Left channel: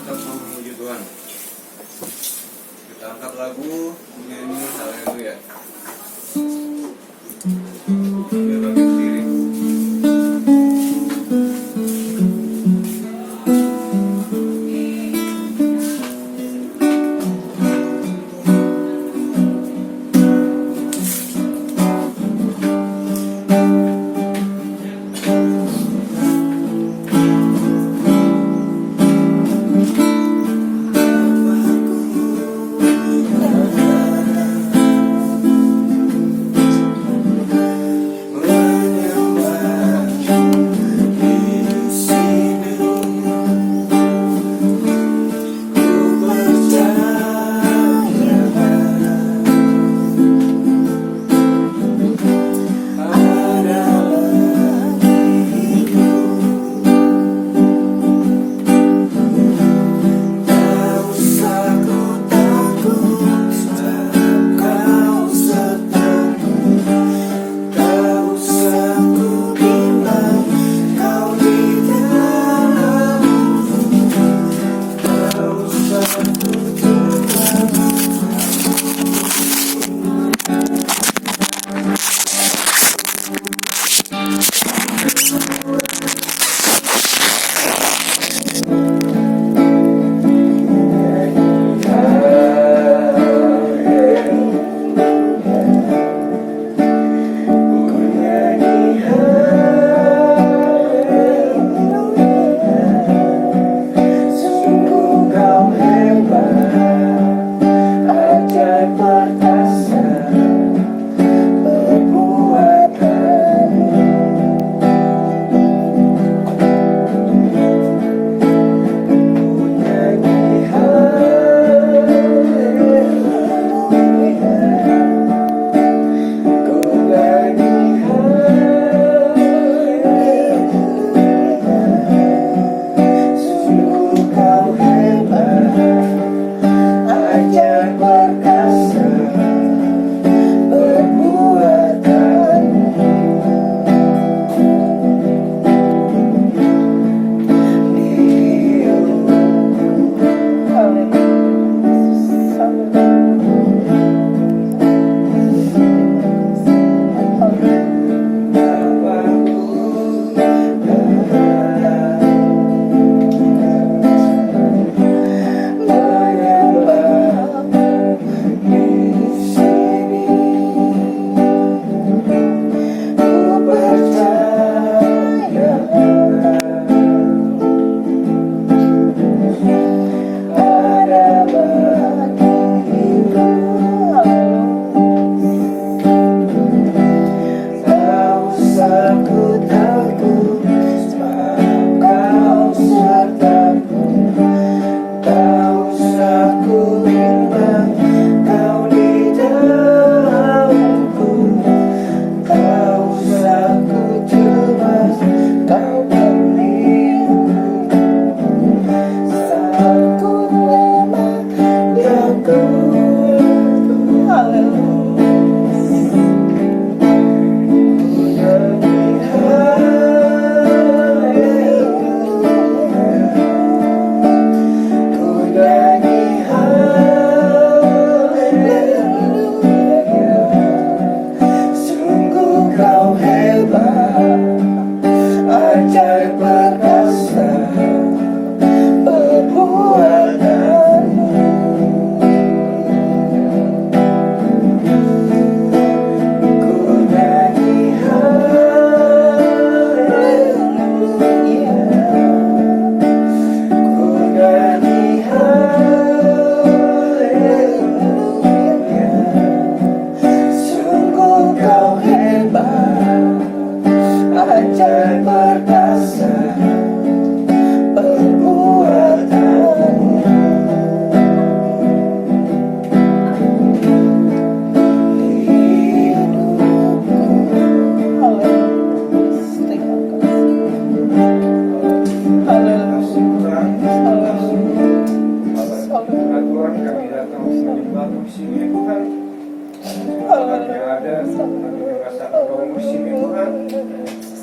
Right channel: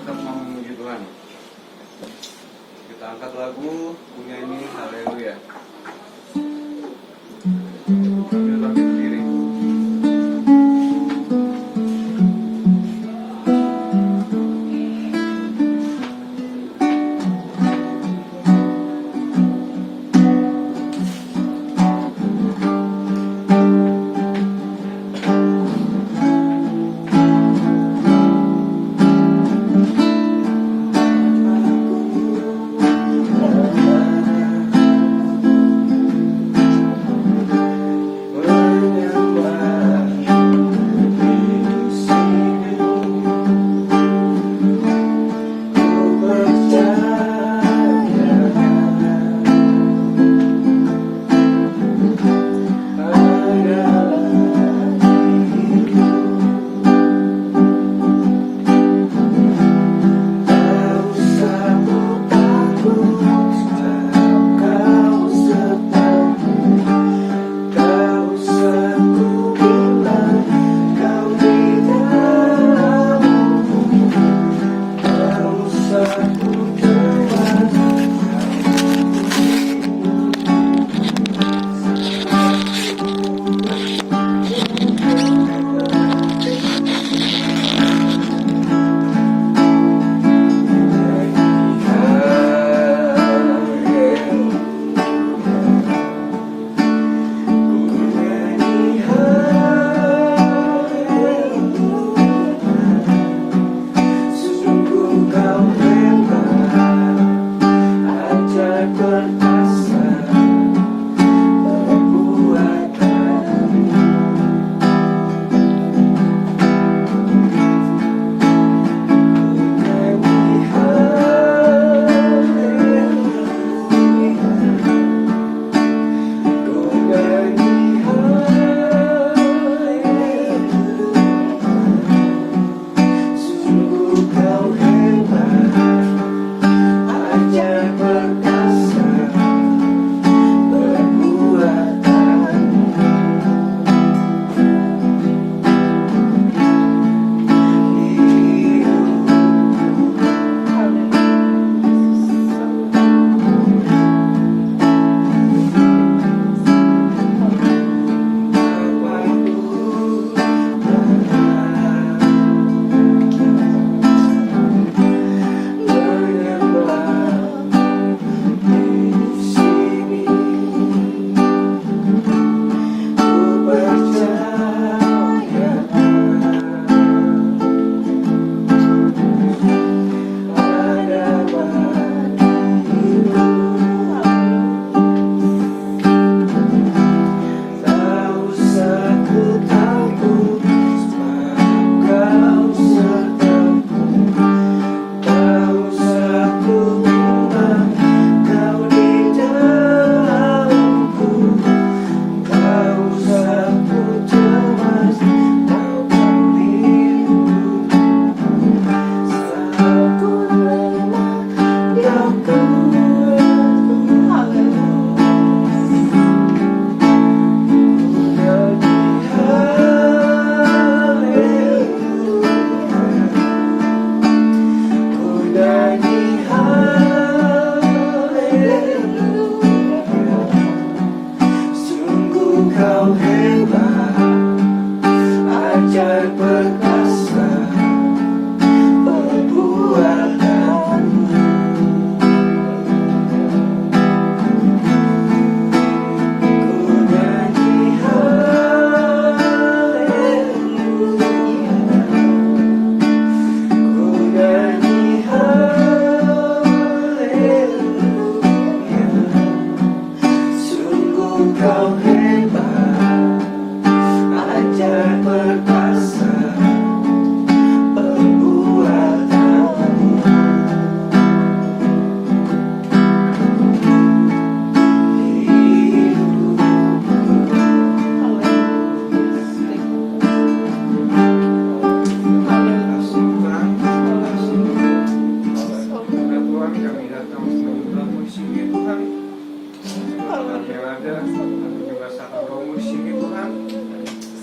tetap mau memuji Tuhan. Kita angkat lagu, menyanyi haleluya. Sambil bangkit berdiri.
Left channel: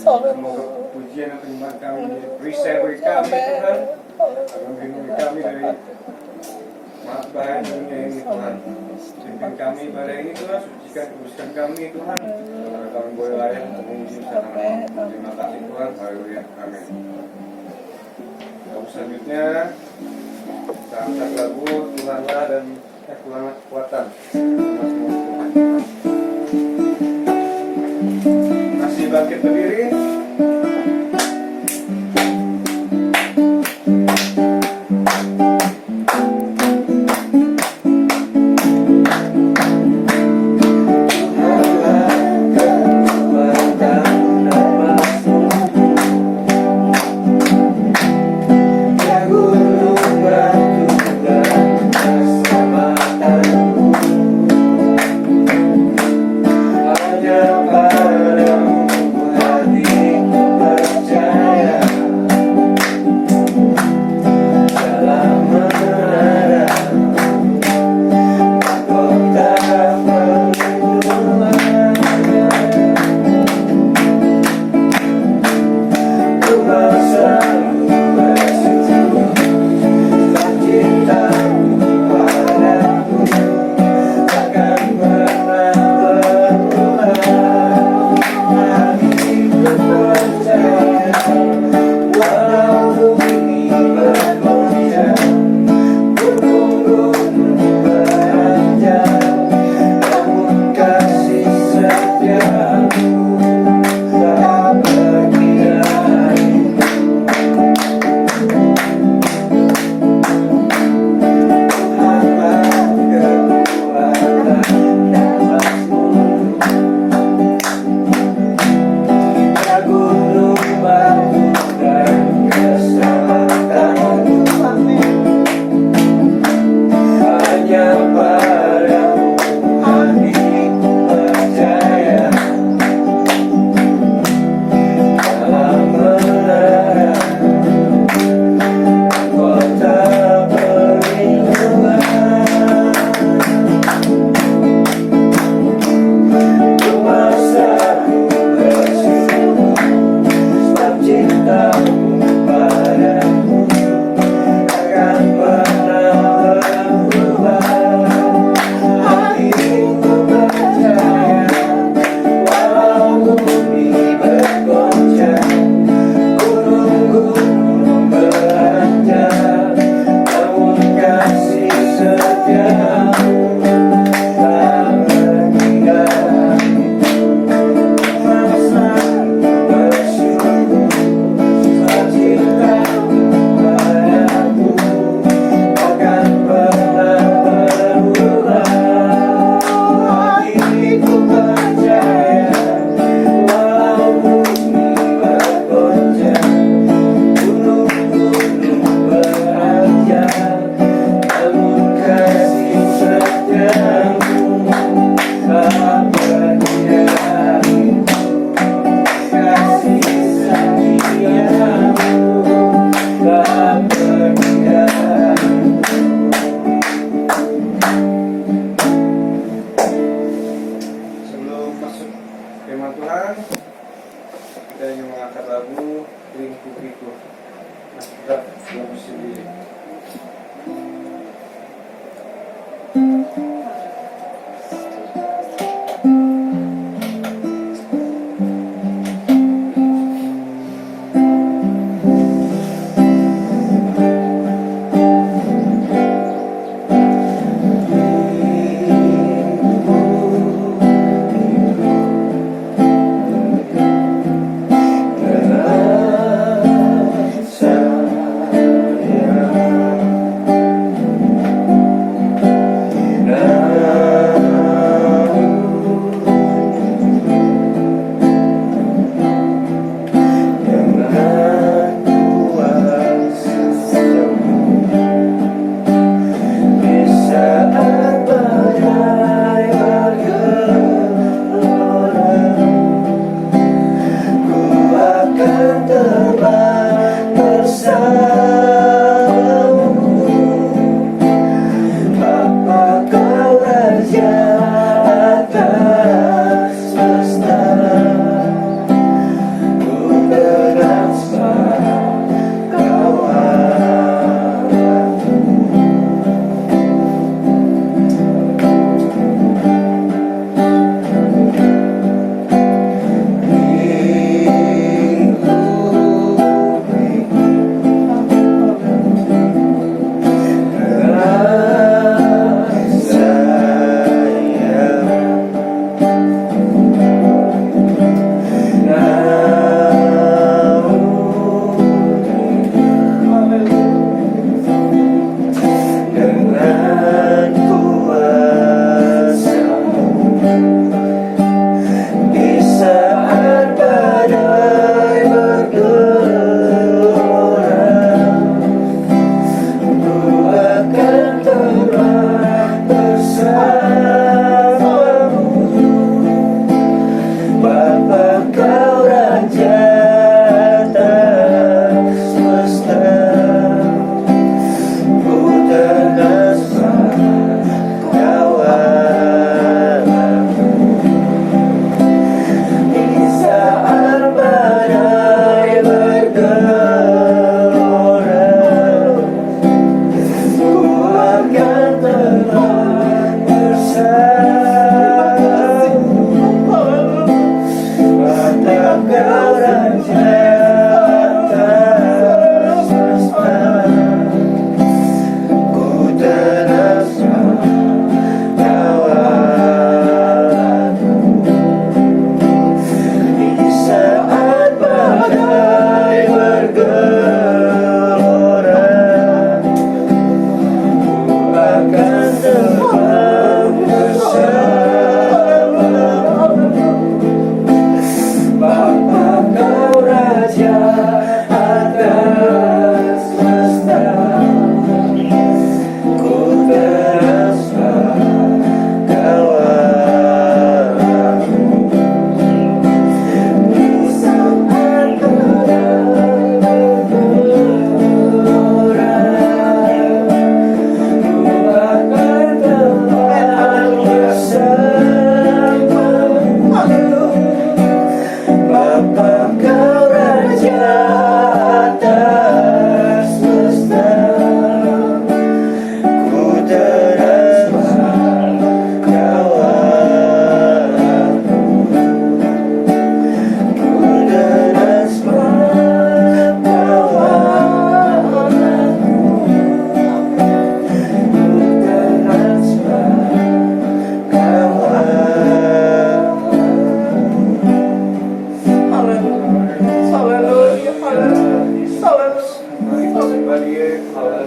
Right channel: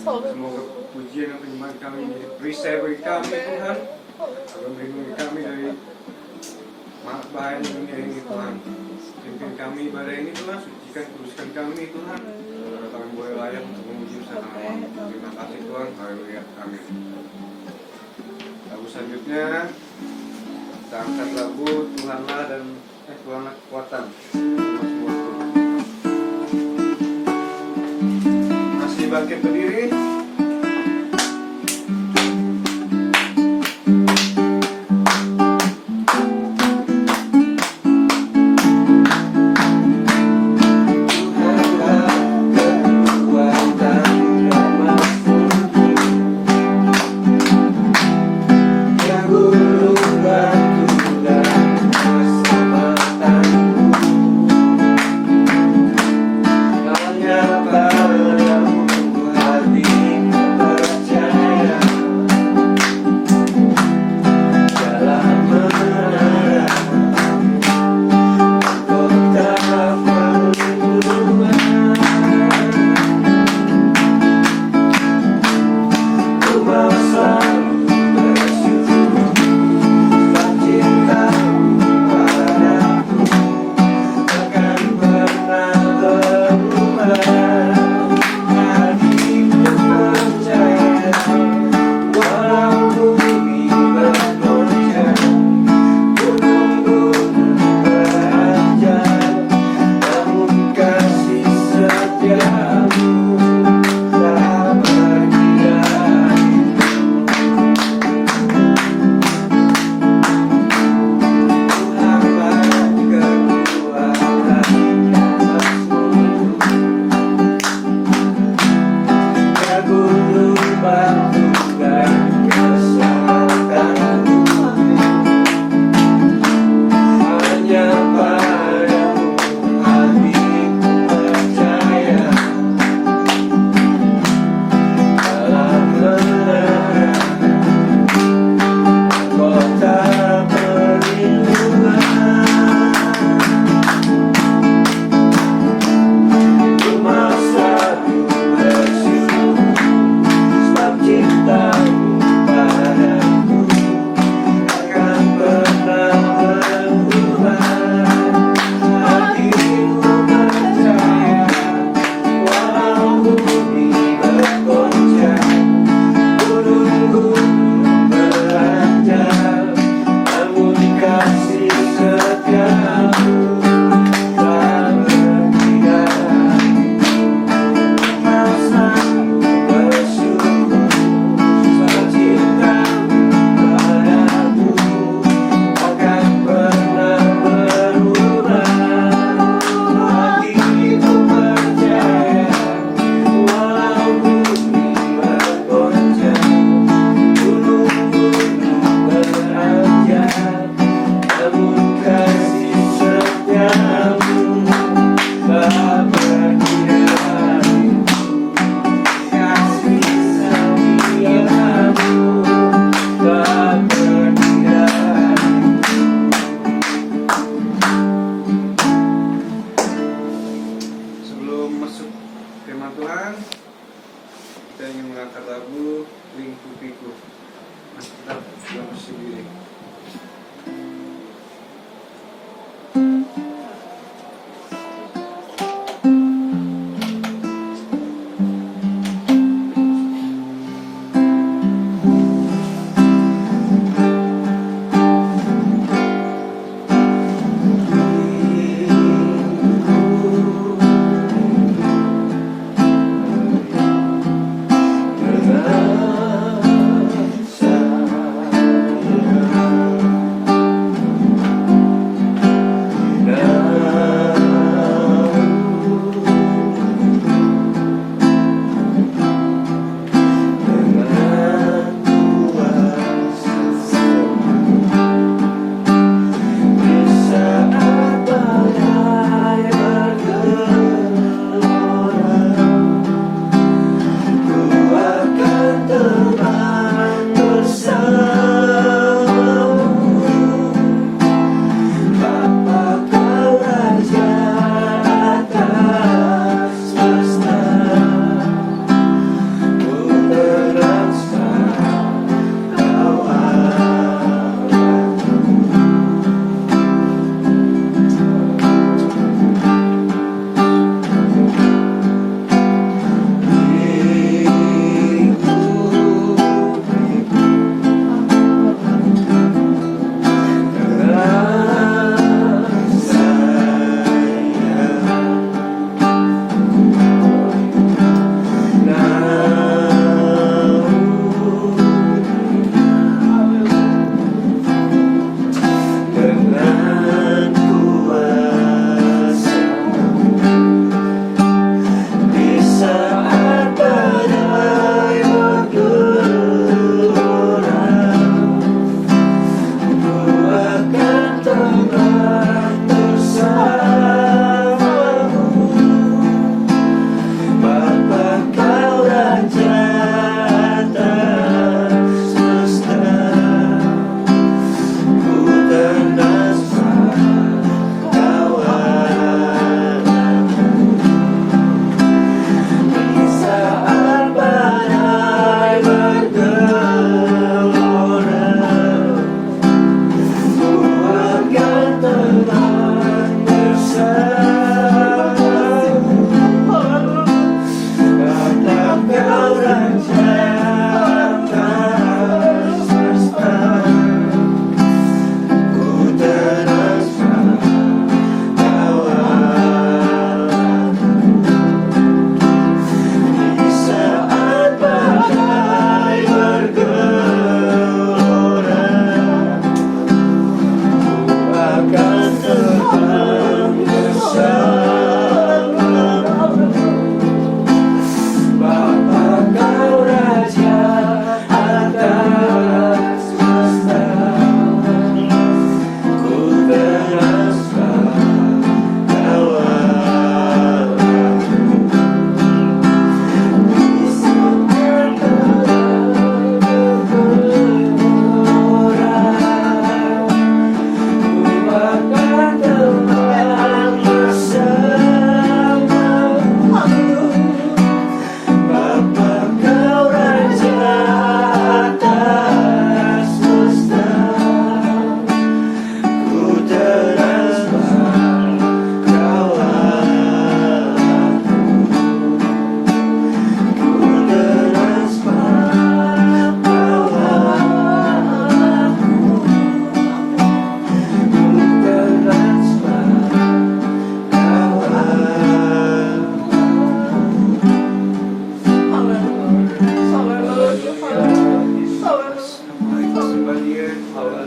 Semoga pujian dan penyembahan kami beri kami Tuhan, akan melindungi kami dari bahaya dunia ini Tuhan. Pimpin kami pada ini Tuhan, sucikan kuduskan kami Tuhan. Agar kami boleh layak untuk memuji bersama. Terima kasih Tuhan, haleluya, amin. Lagu selanjutnya kita angkat lagu Tuhanlah dan Tuhanlah kekuatan. Masih bangkit berdiri.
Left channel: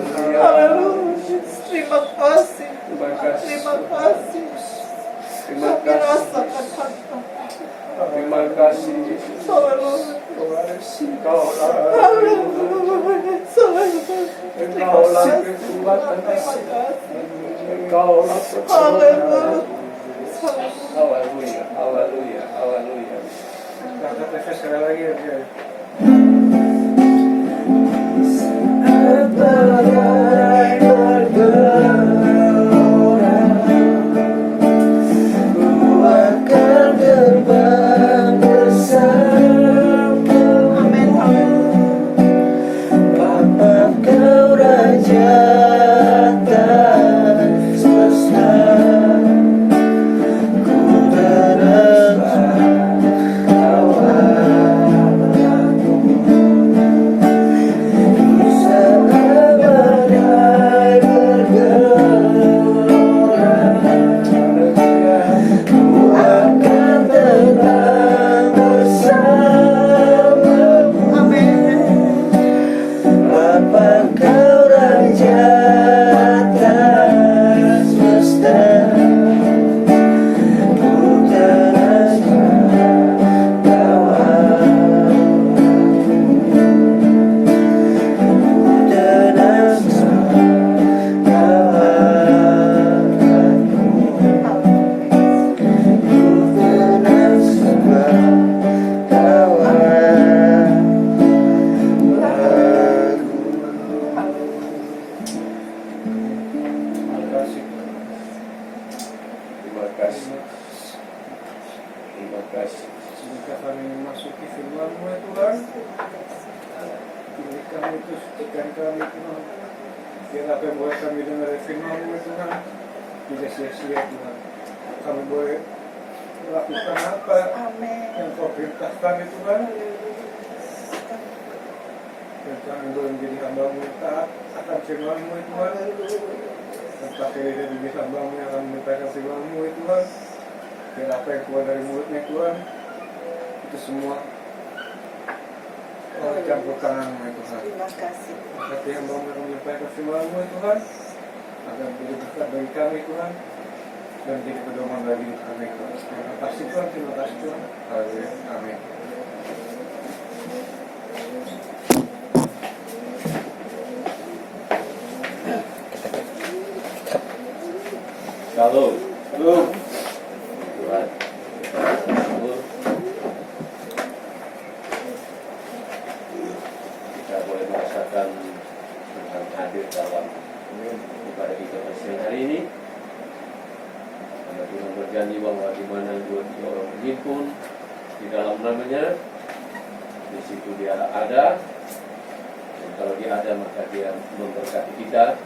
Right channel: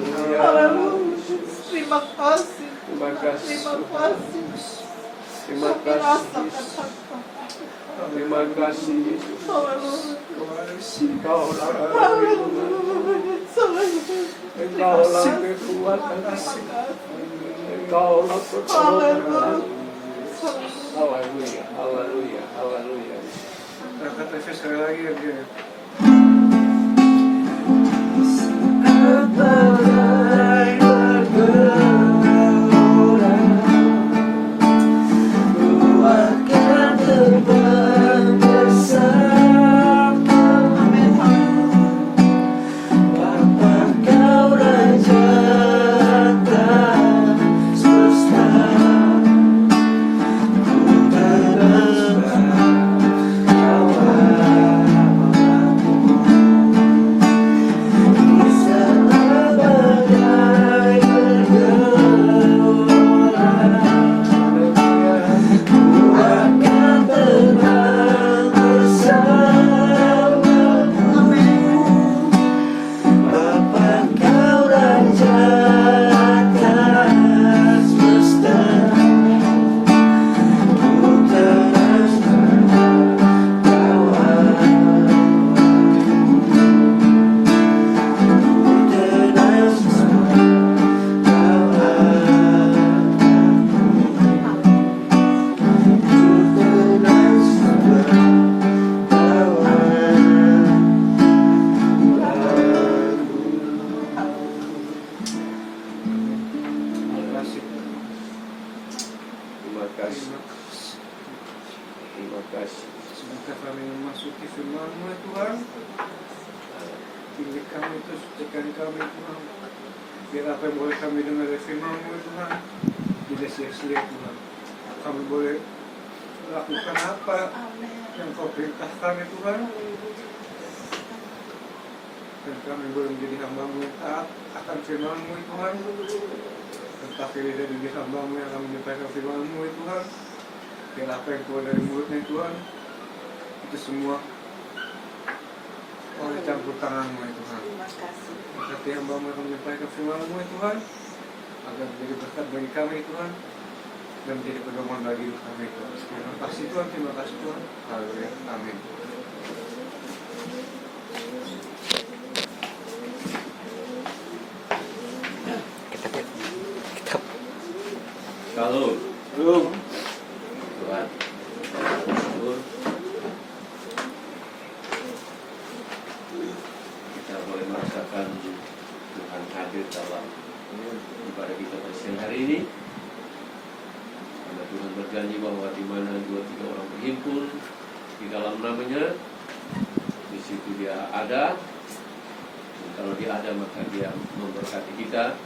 Haleluya. Haleluya. Terima kasih. Terima kasih. Terima kasih. Terima Kami kasih. rasakan harta. Terima kasih Yesus. Haleluya. Engkaulah Haleluya. Engkaulah kekuatan, Engkaulah pertolongan. Haleluya, haleluya, haleluya. Angkat nafas sekali lagi ya. Terima kasih. Semoga kami memasuki firman-Mu ya Tuhan. Pilih kami itu, sucikan kami Tuhan. Biar apa yang boleh kami dengar dari firman-Mu ya Tuhan, tidak sia-sia Tuhan. Kami boleh melakukan apa yang Kau perintahkan ya Tuhan. Dan kami boleh menjadi hamba-Mu yang taat akan firman-Mu ya Tuhan. Dan tak kira dari hamba-Mu yang akan menyampaikan firman-Mu ya Tuhan. Biar apa yang keluar dari mulutnya Tuhan, itu semua oleh campur tangan-Mu ya Tuhan. Terima kasih. Berkati hamba-Mu yang menyampaikan firman-Mu ya Tuhan, agar menjadi berkat bagi kami Tuhan, dan menjadi pedoman bagi hidup kami Tuhan. Terima kasih Tuhan, terima kasih Tuhan. Haleluya, amin. Kalau Tuhan kita boleh merasakan Tuhan hadir dalam ibadah kita siang hari ini. Karena Tuhan berjanji bahwa di mana 2-3 orang berhimpun di dalam namanya, di situ Dia ada. Dan kalau Dia ada, maka Dia memberkati kita.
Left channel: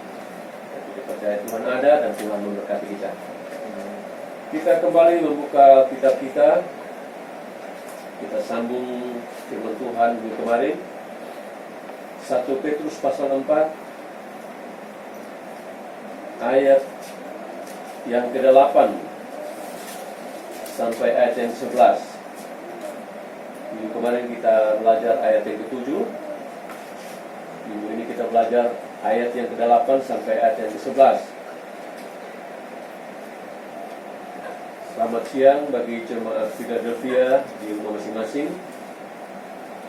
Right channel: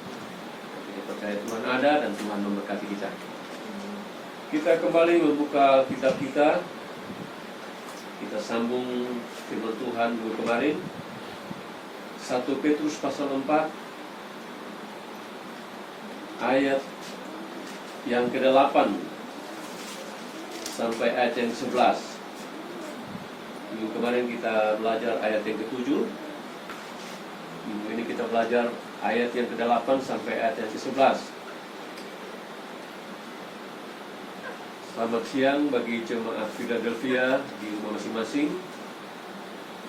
Kita percaya Tuhan ada dan Tuhan memberkati kita. Kita kembali membuka kitab kita. Kita sambung firman Tuhan minggu kemarin. 1 Petrus pasal 4 ayat yang ke-8 sampai ayat yang ke-11. Minggu kemarin kita belajar ayat yang ke-7. Minggu ini kita belajar ayat yang ke-8 sampai ayat yang ke-11. Selamat siang bagi jemaat Philadelphia di rumah masing-masing.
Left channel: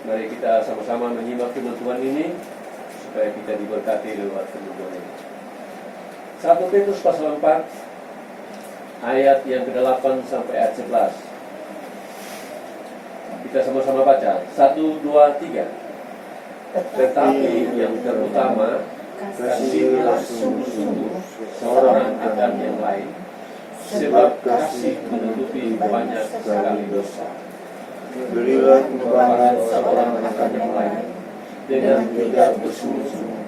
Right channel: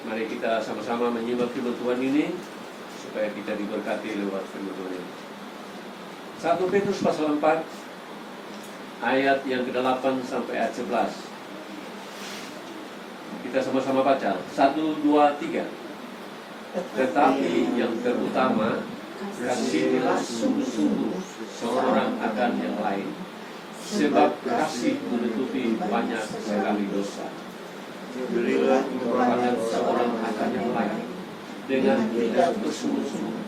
Mari kita sama-sama menyimak firman Tuhan ini supaya kita diberkati lewat firman Tuhan ini. 1 Petrus pasal 4 ayat yang ke-8 sampai ayat 11. Kita sama-sama baca. 1, 2, 3. Tetapi yang terutama, kasihilah sungguh-sungguh seorang akan yang lain, sebab kasih menutupi banyak sekali dosa. Berilah pengorbanan seorang akan yang lain dengan tidak bersungguh-sungguh.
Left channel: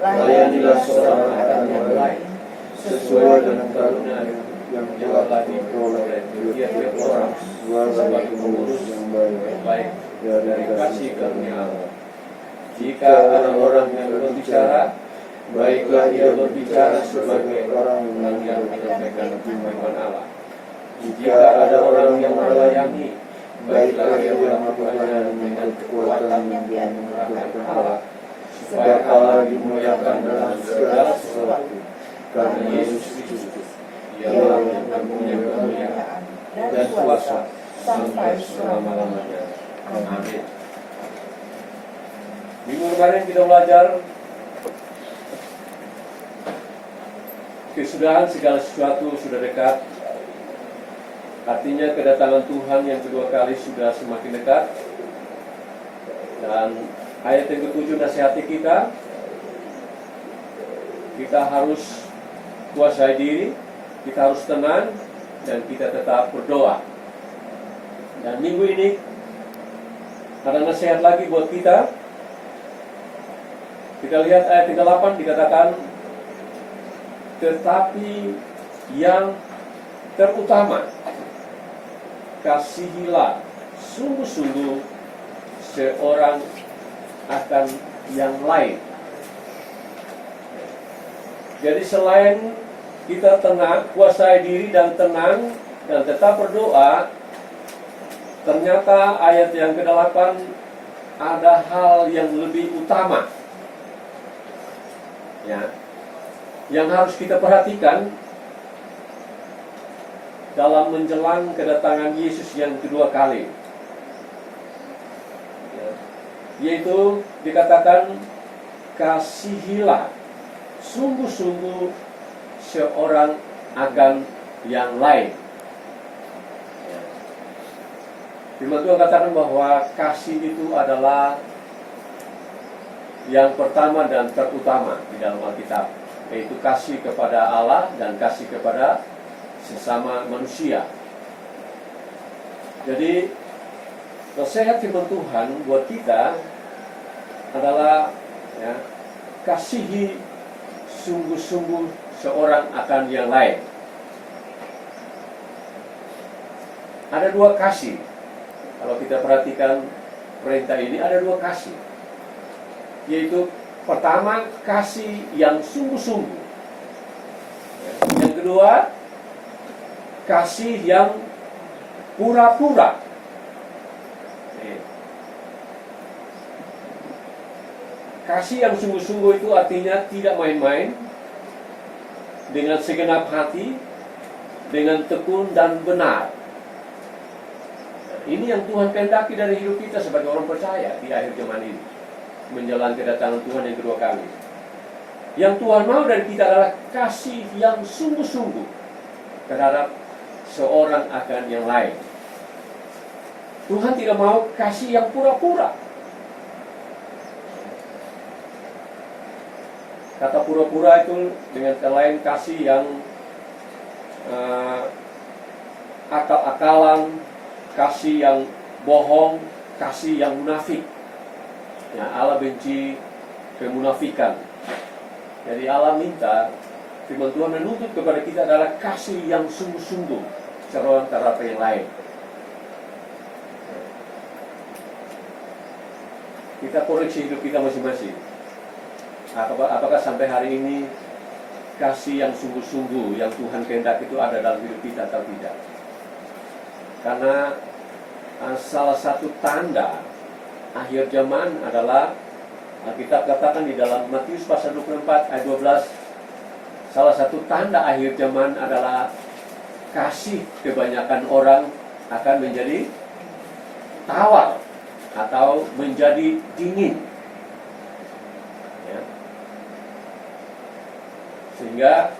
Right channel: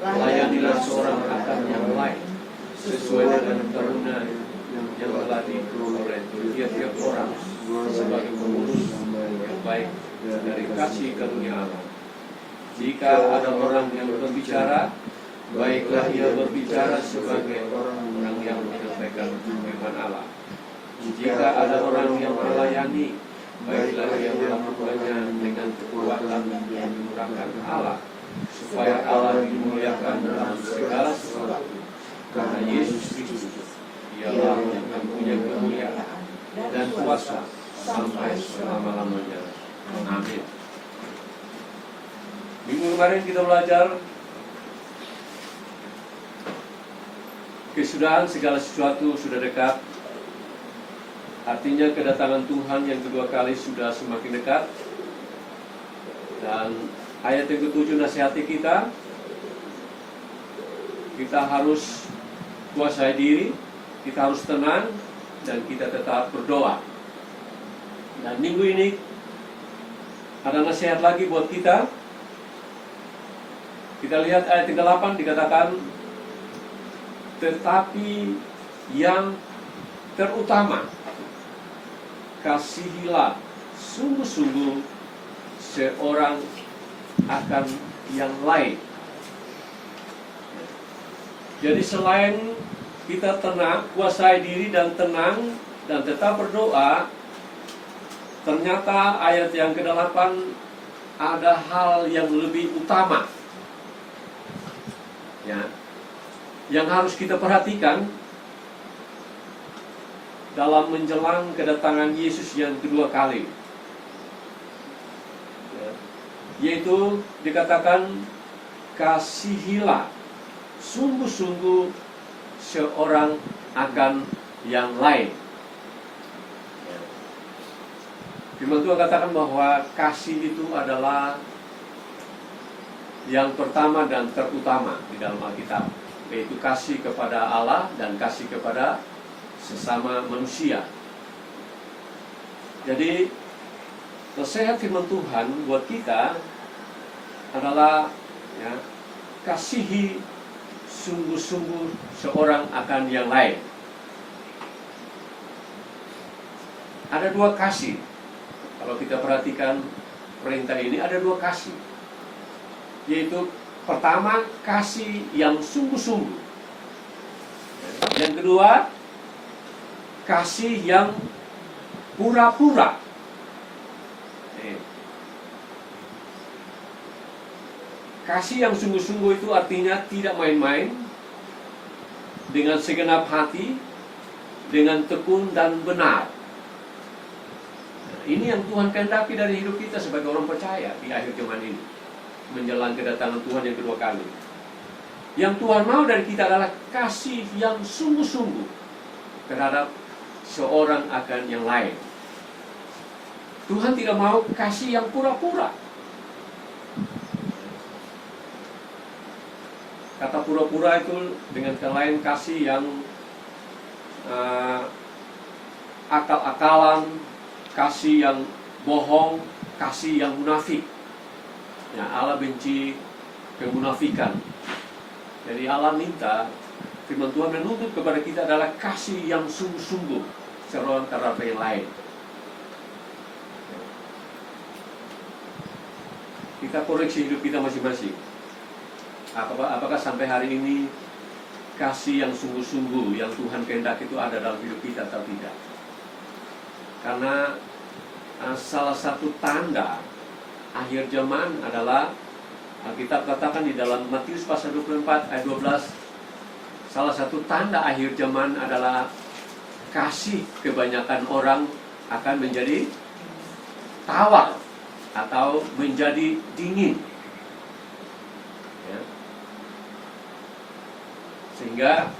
Layanilah seorang akan yang lain sesuai dengan karunia yang telah diperoleh tiap-tiap orang sebagai pengurus yang baik dari kasih karunia Allah. Jika ada orang yang berbicara, baiklah ia berbicara sebagai orang yang menyampaikan firman Allah. Jika ada orang yang melayani, baiklah ia melakukannya dengan kekuatan yang dimurahkan Allah, supaya Allah dimuliakan dalam segala sesuatu, karena Yesus Kristus, Dialah yang mempunyai kemuliaan dan kuasa sampai selama-lamanya. Amin. Minggu kemarin kita belajar kesudahan segala sesuatu sudah dekat. Artinya kedatangan Tuhan yang kedua kali sudah semakin dekat. Dan ayat yang ke-7 nasihati kita harus kuasai diri, kita harus tenang, dan kita tetap berdoa. Dan minggu ini ada nasihat lagi buat kita. Kita lihat ayat 38 dikatakan, tetapi yang terutama, kasihilah sungguh-sungguh seorang akan yang lain. Jadi selain kita tenang, kuasai diri dan tenang dan tetap berdoa, ternyata ayat yang ke-8 ada hal yang lebih utama, ya, yang harus kita perhatikan dalam menjelang kedatangan Yesus yang kedua kali, ya, yaitu dikatakan kasihilah sungguh-sungguh seorang akan yang lain. Ya. Firman Tuhan katakan bahwa kasih itu adalah yang pertama dan terutama di dalam Alkitab, yaitu kasih kepada Allah dan kasih kepada sesama manusia. Jadi nasihat firman Tuhan buat kita adalah, ya, kasihi sungguh-sungguh seorang akan yang lain. Ada dua kasih. Kalau kita perhatikan perintah ini, ada dua kasih, yaitu pertama kasih yang sungguh-sungguh, yang kedua kasih yang pura-pura. Kasih yang sungguh-sungguh itu artinya tidak main-main, dengan segenap hati, dengan tekun dan benar. Ini yang Tuhan kehendaki dari hidup kita sebagai orang percaya di akhir zaman ini, menjelang kedatangan Tuhan yang kedua kali. Yang Tuhan mau dari kita adalah kasih yang sungguh-sungguh terhadap seorang akan yang lain. Tuhan tidak mau kasih yang pura-pura. Kata pura-pura itu dengan kata lain kasih yang akal-akalan, kasih yang bohong, kasih yang munafik. Ya, Allah benci kemunafikan. Jadi Allah minta, firman Tuhan menuntut kepada kita adalah kasih yang sungguh-sungguh seorang terhadap yang lain. Kita koreksi hidup kita masing-masing. Apakah sampai hari ini kasih yang sungguh-sungguh yang Tuhan kehendaki itu ada dalam hidup kita atau tidak? Karena salah satu tanda akhir zaman adalah, Alkitab katakan di dalam Matius pasal 24 ayat 12, salah satu tanda akhir zaman adalah kasih kebanyakan orang akan menjadi tawar atau menjadi dingin. Ya. Sehingga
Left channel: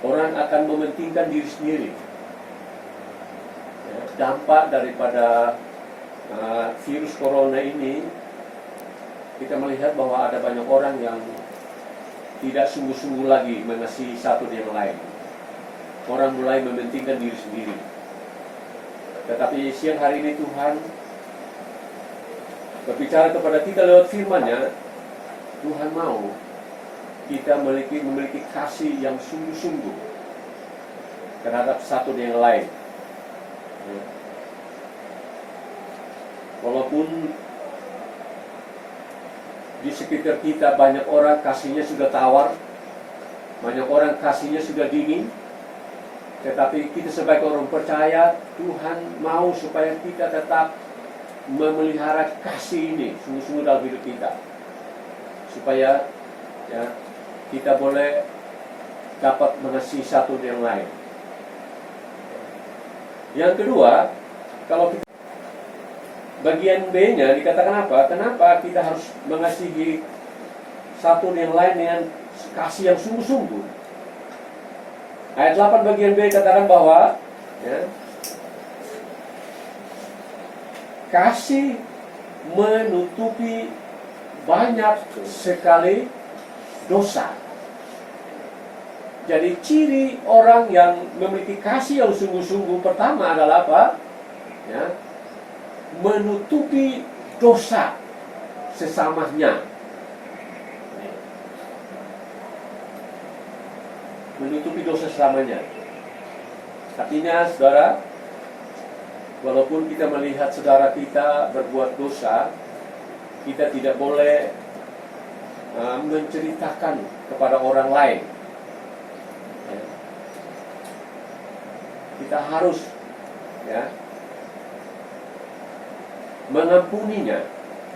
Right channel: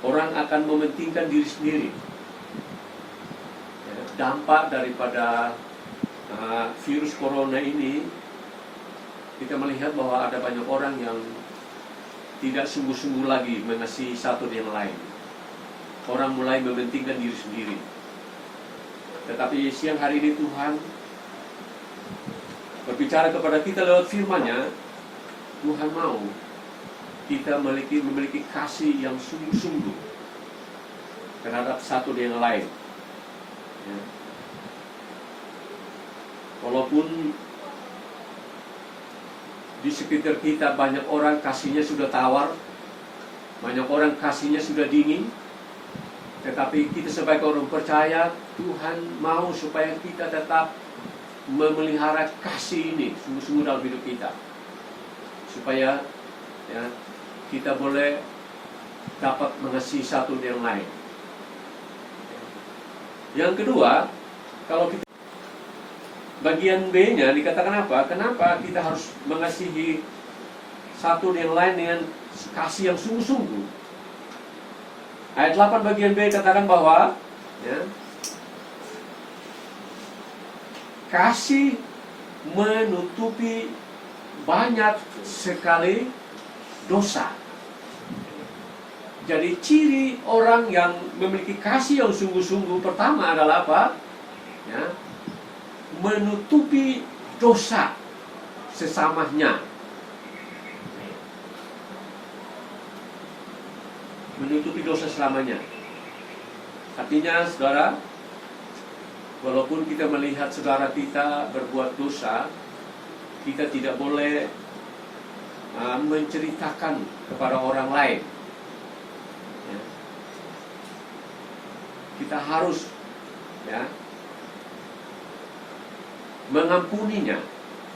orang akan mementingkan diri sendiri. Ya, dampak daripada virus corona ini, kita melihat bahwa ada banyak orang yang tidak sungguh-sungguh lagi mengasihi satu dengan lain. Orang mulai mementingkan diri sendiri. Tetapi siang hari ini Tuhan berbicara kepada kita lewat firman-Nya. Tuhan mau kita memiliki kasih yang sungguh-sungguh terhadap satu dengan lain. Ya. Walaupun di sekitar kita banyak orang kasihnya sudah tawar, banyak orang kasihnya sudah dingin, tetapi kita sebagai orang percaya, Tuhan mau supaya kita tetap memelihara kasih ini sungguh-sungguh dalam hidup kita. supaya ya kita boleh dapat mengasihi satu yang lain. Yang kedua, kalau kita bagian B-nya dikatakan apa? Kenapa kita harus mengasihi satu yang lain dengan kasih yang sungguh-sungguh? Ayat 8 bagian B katakan bahwa ya, kasih menutupi banyak sekali dosa. Jadi ciri orang yang memiliki kasih yang sungguh-sungguh pertama adalah apa? Ya, menutupi dosa sesamanya. Menutupi dosa selamanya. Artinya, saudara, walaupun kita melihat saudara kita berbuat dosa, kita tidak boleh menceritakan kepada orang lain. Ya. Kita harus ya mengampuninya.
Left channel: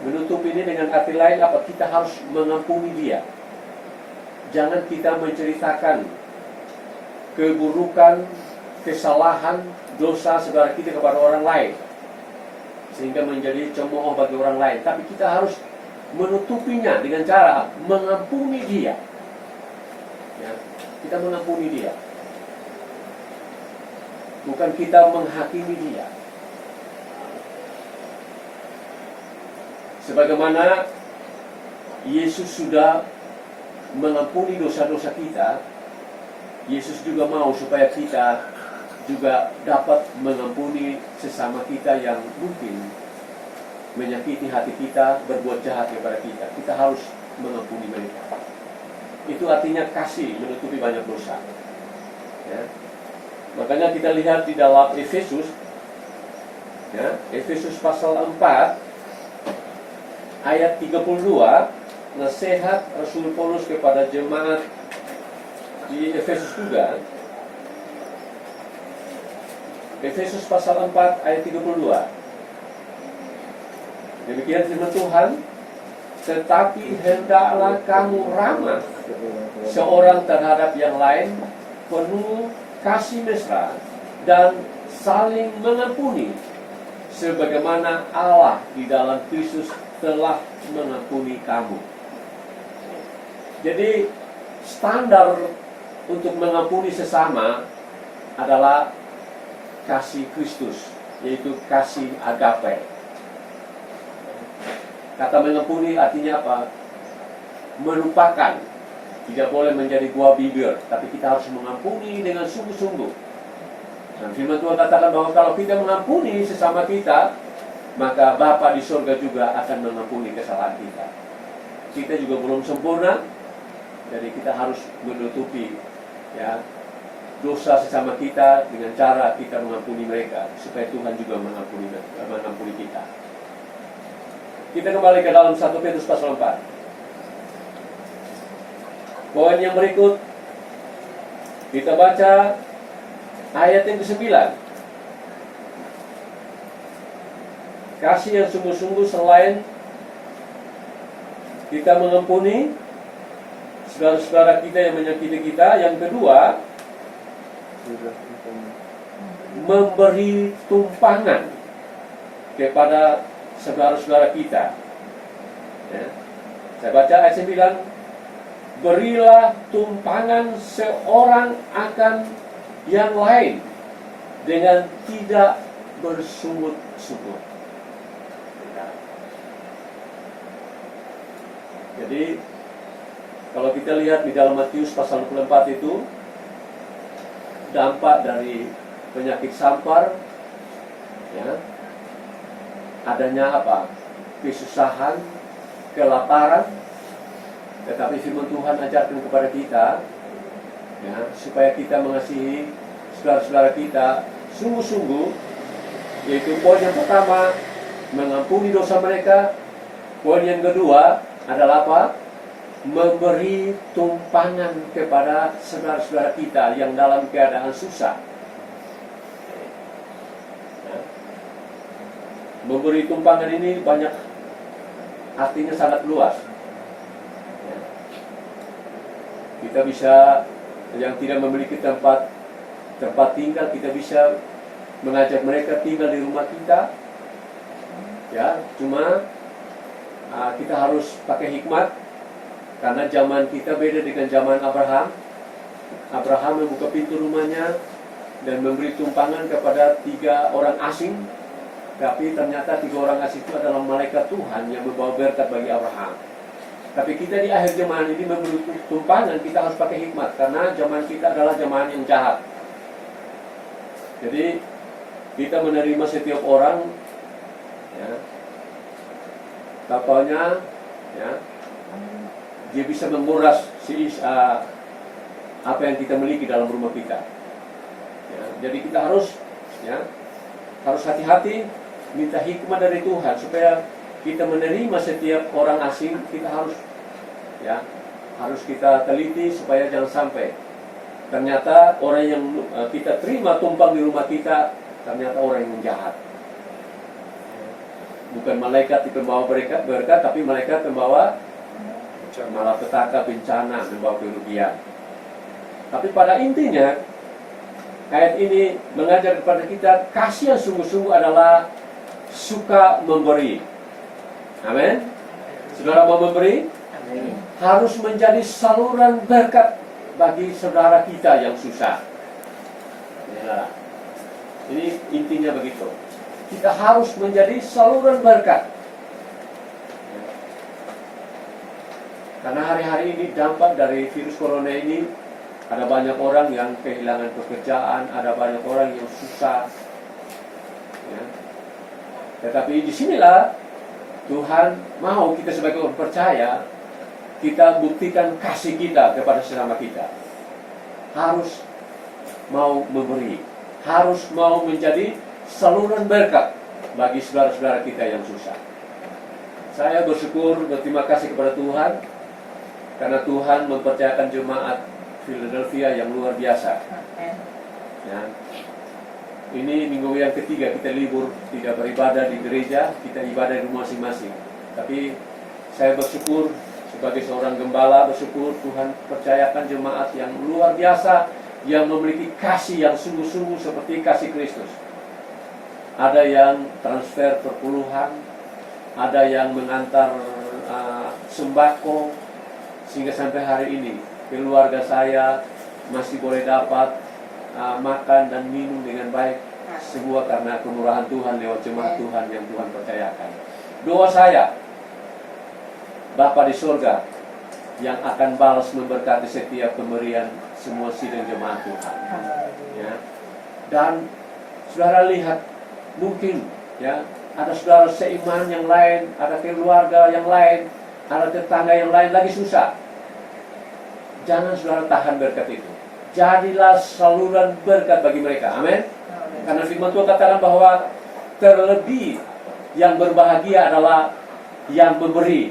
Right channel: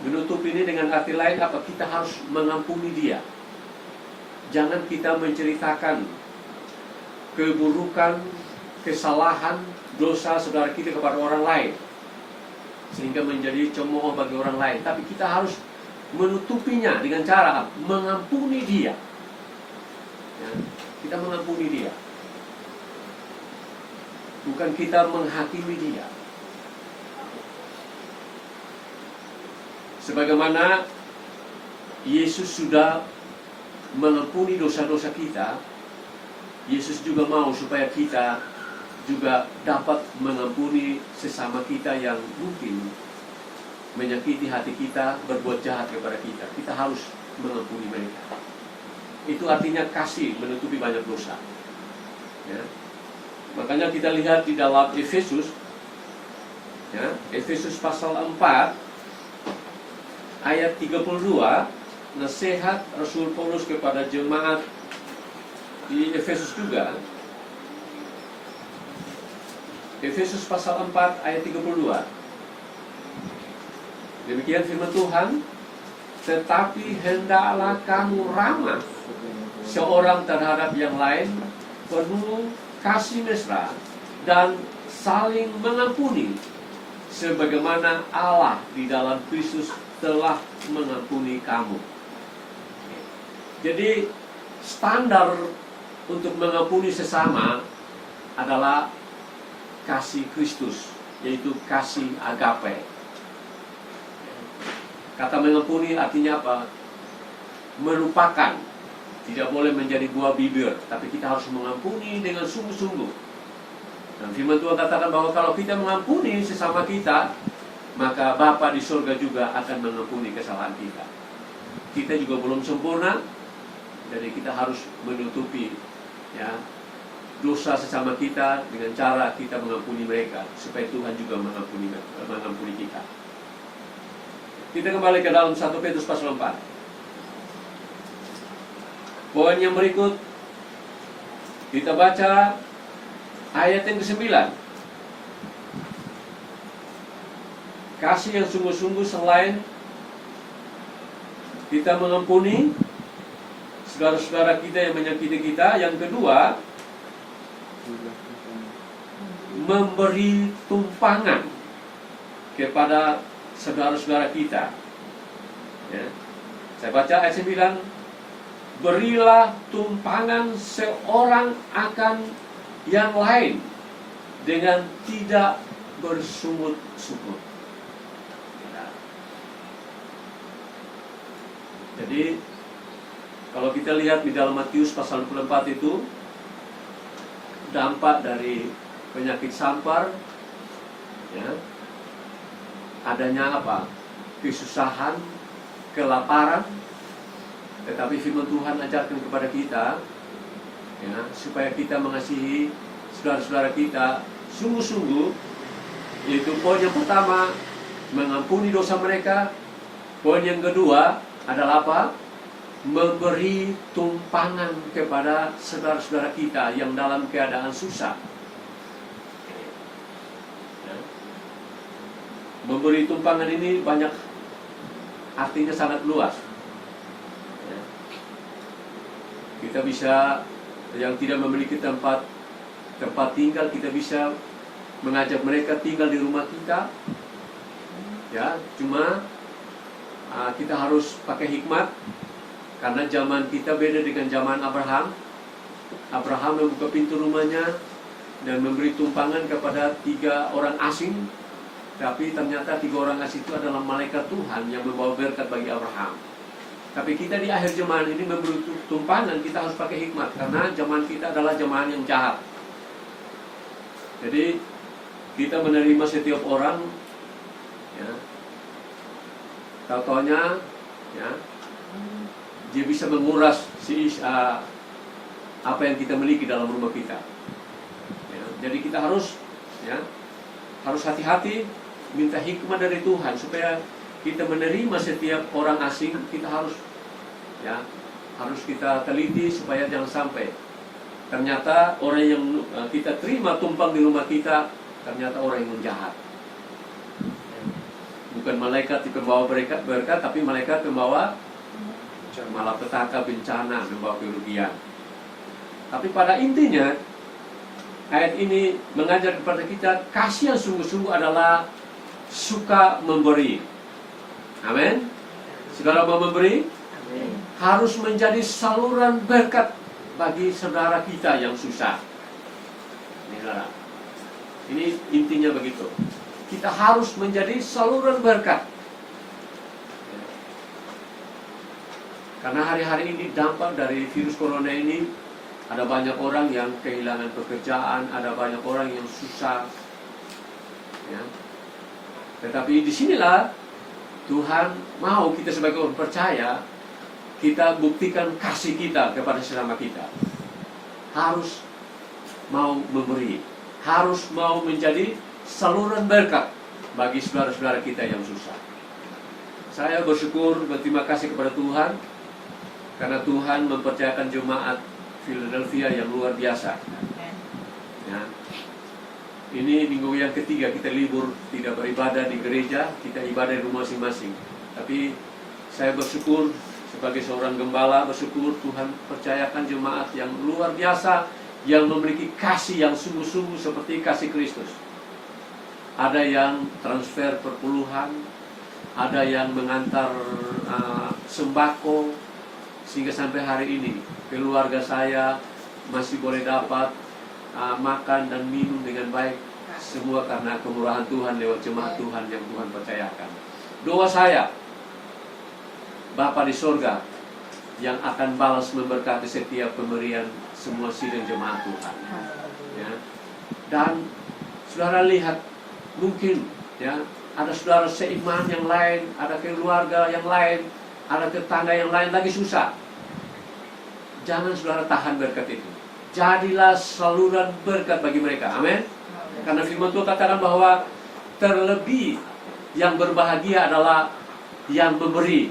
Menutup ini dengan arti lain apa? Kita harus mengampuni dia. Jangan kita menceritakan keburukan, kesalahan, dosa saudara kita kepada orang lain sehingga menjadi cemooh bagi orang lain. Tapi kita harus menutupinya dengan cara mengampuni dia. Ya, kita mengampuni dia, bukan kita menghakimi dia. Sebagaimana Yesus sudah mengampuni dosa-dosa kita, Yesus juga mau supaya kita juga dapat mengampuni sesama kita yang mungkin menyakiti hati kita, berbuat jahat kepada kita. Kita harus mengampuni mereka. Itu artinya kasih menutupi banyak dosa. Ya. Makanya kita lihat di dalam Efesus, ya, Efesus pasal 4 ayat 32, nasihat Rasul Paulus kepada jemaat di Efesus juga. Efesus pasal 4 ayat 32. Demikian firman Tuhan, tetapi hendaklah kamu ramah seorang terhadap yang lain, penuh kasih mesra dan saling mengampuni, sebagaimana Allah di dalam Kristus telah mengampuni kamu. Jadi standar untuk mengampuni sesama adalah kasih Kristus, yaitu kasih agape. Kata mengampuni artinya apa? Melupakan. Tidak boleh menjadi buah bibir, tapi kita harus mengampuni dengan sungguh-sungguh. Dan firman Tuhan katakan bahwa kalau kita mengampuni sesama kita, maka Bapa di surga juga akan mengampuni kesalahan kita. Kita juga belum sempurna, jadi kita harus menutupi ya dosa sesama kita dengan cara kita mengampuni mereka, supaya Tuhan juga mengampuni kita. Kita kembali ke dalam 1 Petrus pasal 4. Poin yang berikut, kita baca ayat yang ke-9. Kasih yang sungguh-sungguh selain kita mengampuni saudara-saudara kita yang menyakiti kita. Yang kedua, memberi tumpangan kepada saudara-saudara kita. Ya. Saya baca ayat 9. Berilah tumpangan seorang akan yang lain dengan tidak bersungut-sungut. Jadi kalau kita lihat di dalam Matius pasal 24 itu, dampak dari penyakit sampar, ya, adanya apa? Kesusahan, kelaparan. Tetapi firman Tuhan ajarkan kepada kita, ya, supaya kita mengasihi saudara-saudara kita sungguh-sungguh. Yaitu poin yang pertama, mengampuni dosa mereka. Poin yang kedua adalah apa? Memberi tumpangan kepada saudara-saudara kita yang dalam keadaan susah. Ya. Memberi tumpangan ini banyak artinya sangat luas. Kita bisa, yang tidak memiliki tempat tinggal, kita bisa mengajak mereka tinggal di rumah kita. Ya, cuma kita harus pakai hikmat, karena zaman kita beda dengan zaman Abraham. Abraham membuka pintu rumahnya dan memberi tumpangan kepada 3 orang asing. Tapi ternyata 3 orang asing itu adalah malaikat Tuhan yang membawa berkat bagi Abraham. Tapi kita di akhir zaman ini memberi tumpangan, kita harus pakai hikmat, karena zaman kita adalah zaman yang jahat. Jadi kita menerima setiap orang, ya, contohnya, ya, dia bisa menguras apa yang kita miliki dalam rumah kita. Ya, jadi kita harus, ya, harus hati-hati, minta hikmah dari Tuhan supaya kita menerima setiap orang asing. Kita harus, ya, harus kita teliti supaya jangan sampai ternyata orang yang kita terima tumpang di rumah kita ternyata orang yang jahat. Bukan malaikat yang membawa berkat, tapi malaikat membawa malapetaka, bencana, membawa kerugian. Tapi pada intinya ayat ini mengajar kepada kita kasih yang sungguh-sungguh adalah suka memberi. Amin. Saudara mau memberi, harus menjadi saluran berkat bagi saudara kita yang susah. Ya. Ini intinya begitu. Kita harus menjadi saluran berkat. Karena hari-hari ini dampak dari virus corona ini, ada banyak orang yang kehilangan pekerjaan, ada banyak orang yang susah. Ya. Tetapi disinilah Tuhan mau kita sebagai orang percaya, kita buktikan kasih kita kepada sesama kita. Harus mau memberi, harus mau menjadi saluran berkat bagi saudara-saudara kita yang susah. Saya bersyukur, berterima kasih kepada Tuhan, karena Tuhan mempercayakan jemaat Philadelphia yang luar biasa. Ya. Ini minggu yang ketiga kita libur, tidak beribadah di gereja, kita ibadah di rumah masing-masing. Tapi saya bersyukur sebagai seorang gembala, bersyukur Tuhan percayakan jemaat yang luar biasa, yang memiliki kasih yang sungguh-sungguh seperti kasih Kristus. Ada yang transfer perpuluhan, ada yang mengantar sembako, sehingga sampai hari ini keluarga saya masih boleh dapat makan dan minum dengan baik. Semua karena kemurahan Tuhan lewat jemaat Tuhan yang Tuhan percayakan. Doa saya, Bapa di surga yang akan balas memberkati setiap pemberian semua sidang jemaat Tuhan. Ya. Dan saudara lihat, mungkin, ya, ada saudara seiman yang lain, ada keluarga yang lain, ada tetangga yang lain lagi susah. Jangan saudara tahan berkat itu. Jadilah saluran berkat bagi mereka. Amin. Karena firman Tuhan katakan bahwa terlebih yang berbahagia adalah yang memberi,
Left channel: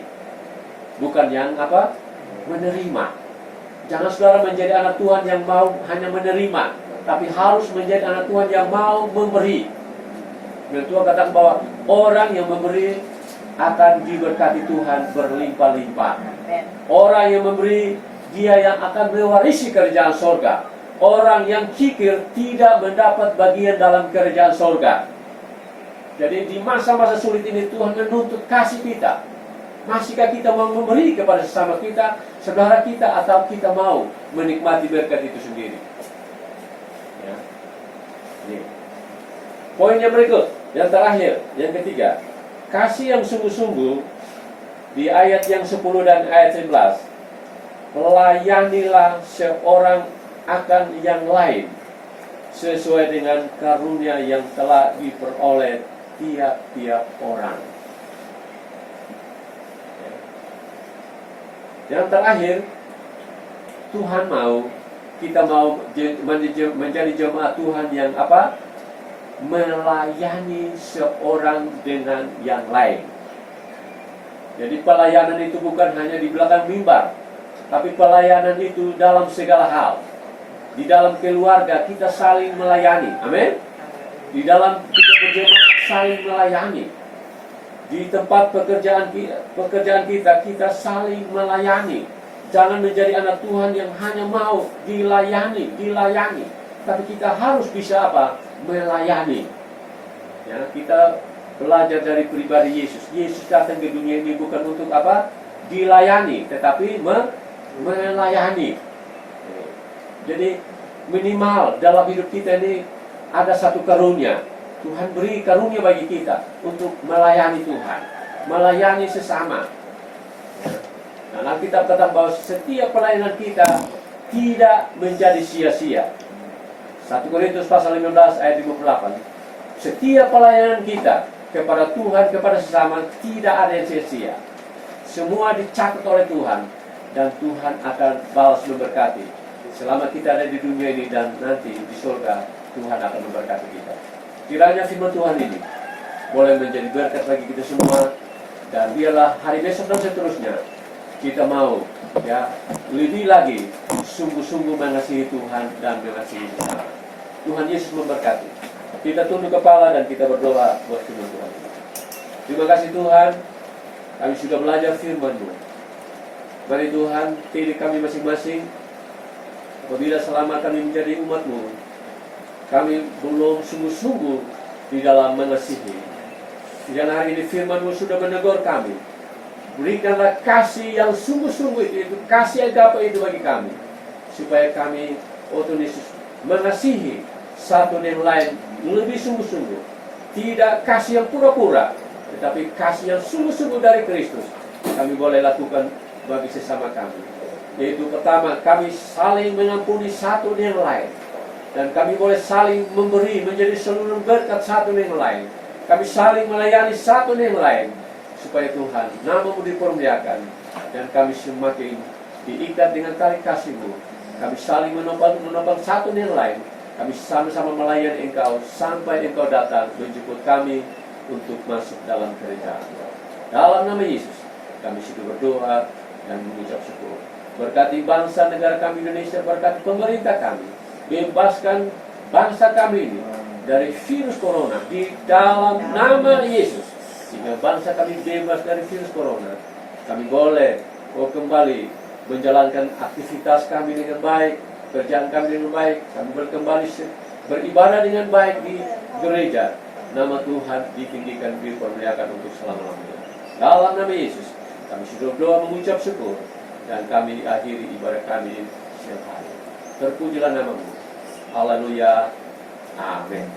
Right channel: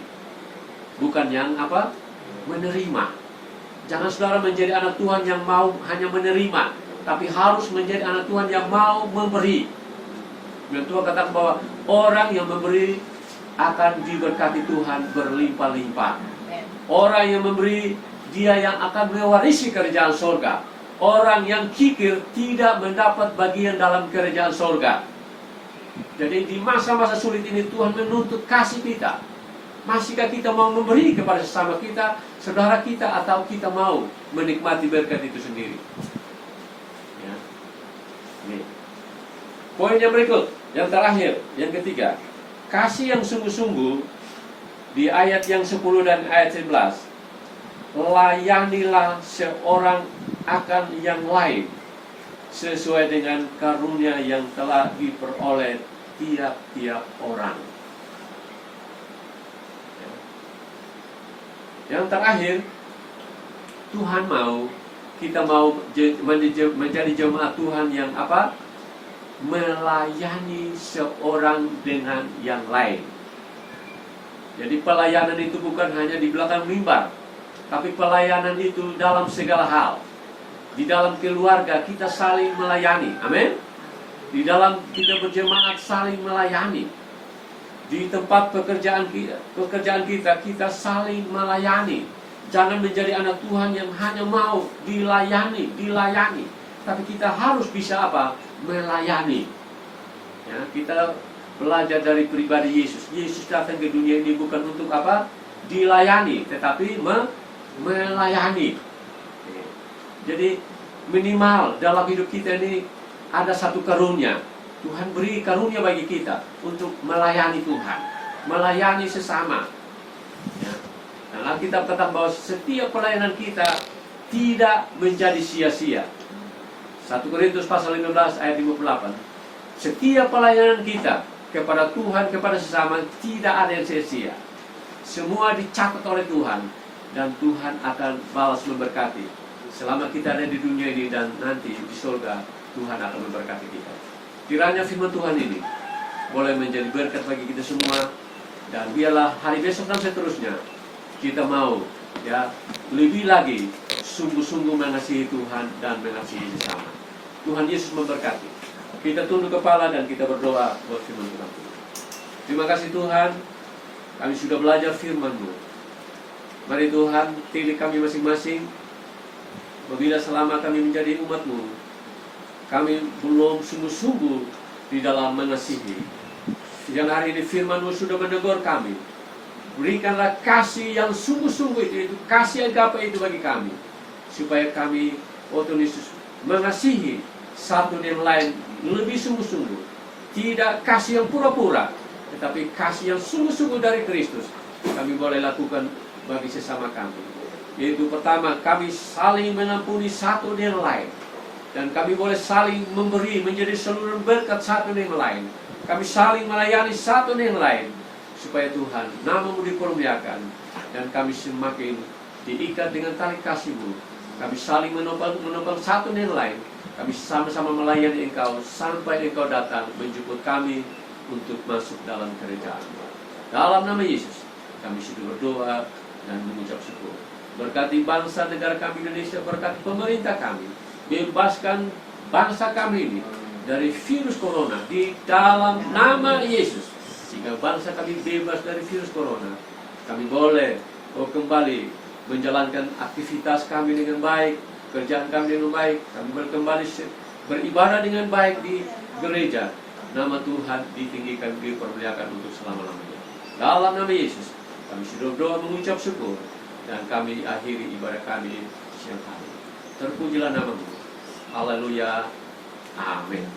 bukan yang apa? Menerima. Jangan saudara menjadi anak Tuhan yang mau hanya menerima, tapi harus menjadi anak Tuhan yang mau memberi. Firman Tuhan katakan bahwa orang yang memberi akan diberkati Tuhan berlimpah-limpah. Orang yang memberi, dia yang akan mewarisi kerajaan sorga. Orang yang kikir tidak mendapat bagian dalam kerajaan sorga. Jadi di masa-masa sulit ini Tuhan menuntut kasih kita. Masihkah kita mau memberi kepada sesama kita, saudara kita, atau kita mau menikmati berkat itu sendiri? Ya. Ini. Poin yang berikut, yang terakhir, yang ketiga, kasih yang sungguh-sungguh di ayat yang 10 dan ayat 11. Layanilah seorang akan yang lain sesuai dengan karunia yang telah diperoleh tiap-tiap orang. Yang terakhir, Tuhan mau kita mau menjadi jemaat Tuhan yang apa? Melayani seorang dengan yang lain. Jadi pelayanan itu bukan hanya di belakang mimbar, tapi pelayanan itu dalam segala hal. Di dalam keluarga kita saling melayani. Amin. Di dalam kita berjemaat saling melayani. Di tempat pekerjaan kita saling melayani. Jangan menjadi anak Tuhan yang hanya mau dilayani, tapi kita harus bisa apa? Melayani. Ya, kita belajar dari pribadi Yesus. Yesus datang ke dunia ini bukan untuk apa? Dilayani, tetapi melayani. Jadi minimal dalam hidup kita ini ada satu karunia. Tuhan beri karunia bagi kita untuk melayani Tuhan, melayani sesama. Ya. Nah, Alkitab kata bahwa setiap pelayanan kita tidak menjadi sia-sia. 1 Korintus pasal 15 ayat 58. Setiap pelayanan kita kepada Tuhan, kepada sesama, tidak ada yang sia-sia. Semua dicatat oleh Tuhan, dan Tuhan akan balas memberkati. Selama kita ada di dunia ini dan nanti di surga, Tuhan akan memberkati kita. Kiranya firman Tuhan ini boleh menjadi berkat bagi kita semua, dan biarlah hari besok dan seterusnya kita mau ya lebih lagi sungguh-sungguh mengasihi Tuhan dan mengasihi sesama. Tuhan Yesus memberkati. Kita tunduk kepala dan kita berdoa buat firman Tuhan. Terima kasih Tuhan, kami sudah belajar firman-Mu. Mari Tuhan, pilih kami masing-masing. Apabila selama kami menjadi umat-Mu, kami belum sungguh-sungguh di dalam mengasihi. Dan hari ini firman-Mu sudah menegur kami. Berikanlah kasih yang sungguh-sungguh itu kasih agape itu bagi kami, supaya kami, oh Tuhan Yesus, mengasihi satu yang lain lebih sungguh-sungguh. Tidak kasih yang pura-pura, tetapi kasih yang sungguh-sungguh dari Kristus kami boleh lakukan bagi sesama kami. Yaitu pertama, kami saling mengampuni satu yang lain, dan kami boleh saling memberi menjadi seluruh berkat satu yang lain. Kami saling melayani satu yang lain, supaya Tuhan nama-Mu dipermuliakan, dan kami semakin diikat dengan tali kasih-Mu. Kami saling menopang satu yang lain. Kami sama-sama melayani Engkau sampai Engkau datang menjemput kami untuk masuk dalam kerajaan. Dalam nama Yesus kami sudah berdoa dan mengucap syukur. Berkati bangsa negara kami Indonesia, berkati pemerintah kami, bebaskan bangsa kami ini dari virus corona di dalam nama Yesus. Sehingga bangsa kami bebas dari virus corona, kami boleh kembali menjalankan aktivitas kami dengan baik, kerjaan kami dengan baik, kami kembali beribadah dengan baik di gereja. Nama Tuhan ditinggikan, dipermuliakan untuk selama-lamanya. Dalam nama Yesus kami sudah berdoa mengucap syukur, dan kami akhiri ibadah kami siang hari. Terpujilah nama-Mu. Haleluya. Amin.